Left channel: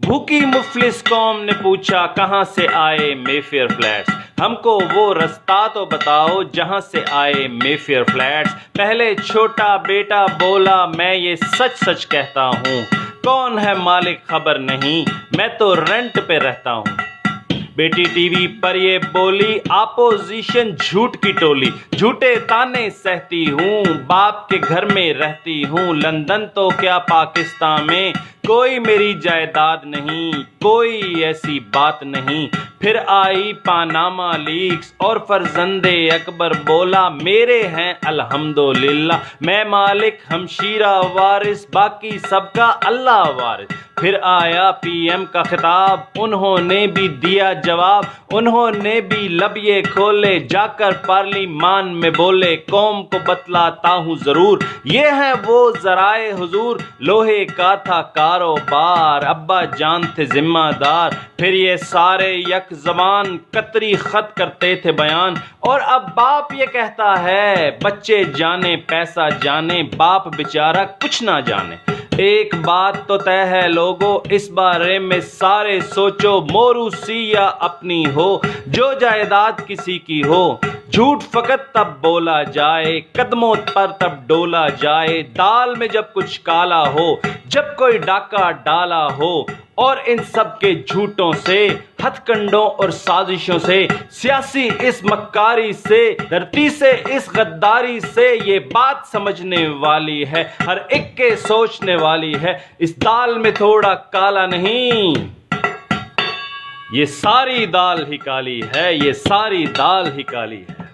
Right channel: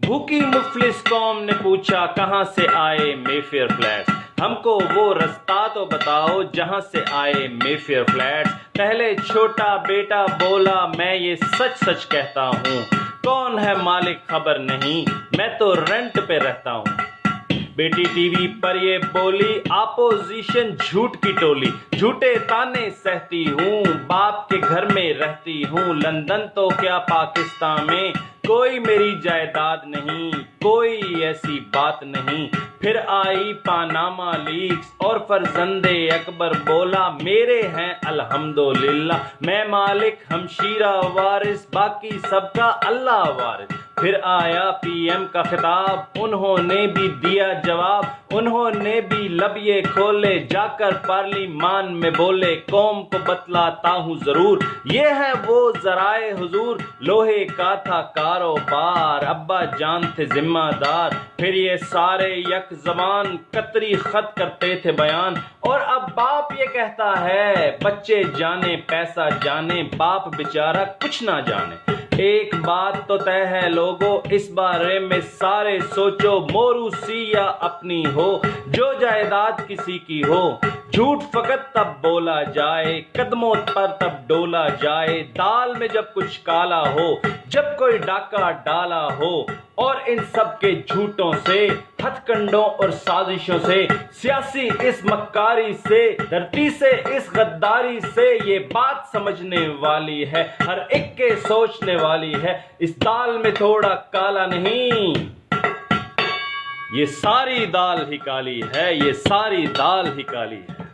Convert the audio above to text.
بھوکی مفلس قوم نے پوچھا کہاں سے آئے مے فیئر فلیٹس، ہم کو وہ رستہ تو بتاؤ جہاں سے آئے مے فیئر فلیٹس۔ پہلے چھوٹا بیٹا بولا میں یہ سچ سچ کہتا ہوں، کون ہے مالک خبر نہیں، میں تو رینٹ پہ رہتا ہوں۔ بیٹی ٹی وی پر یہ بولی اپوزیشن جھوٹ کی ٹولی، جھوٹے تانے سہتی ہوں، باپ کے گھر میں رہتی ہوں، لندن تو کیا پاکستان میں کوئی میری جائیداد نہیں، کوئی ایسی بات نہیں۔ پھر آئی پاناما لیکس اور فرزند اکبر بولا میرے ہیں الحمدللہ، میں مالک ہمشیرہ وارث، باقی سب کا اللہ وارث۔ پھر آیا پی ایم کا خطاب، انہوں نے بھی دیا جواب، انہوں نے بھی لب یہ کھولے، جا کر پارلیمان میں بولے قوم کو بتلاتا ہوں ضرور، یہ ہے وہ ذرائع حضور، لوہے کا تھا کاروبار، ابا جان تھے ذمہ دار، پھر یہ سارے یک زبان قطری خط کرتے تھے بیان، اور اب باپ یہ کہتا ہے بچے جانے پیسہ جانے، باپ بیچارہ کچھ نہ جانے۔ ایک بات تو طے ہے لوگو، اس بارے میں سارے سوچو، موروثی یا اپنی ہو، جو جائیداد کسی کی ہو، جھوٹ فقط تب بولا جائے، قدموں پر تب ڈولا جائے، دال میں جب کچھ کالا ہو، جب کوئی ڈاکہ ڈالا ہو، اور ان سب کے جھوٹوں سے، ہتھ کنڈوں اور سازشوں سے، سیاسی اس مکاری سے، دھرتی سے اس غداری سے، یہ بات سمجھنے والی ہے، ہر ایک کے سوچنے والی ہے، اس دال میں تھوڑا کالا نہیں، یہ ساری دال ہی کالی ہے، یہ ساری دال ہی کالی ہے۔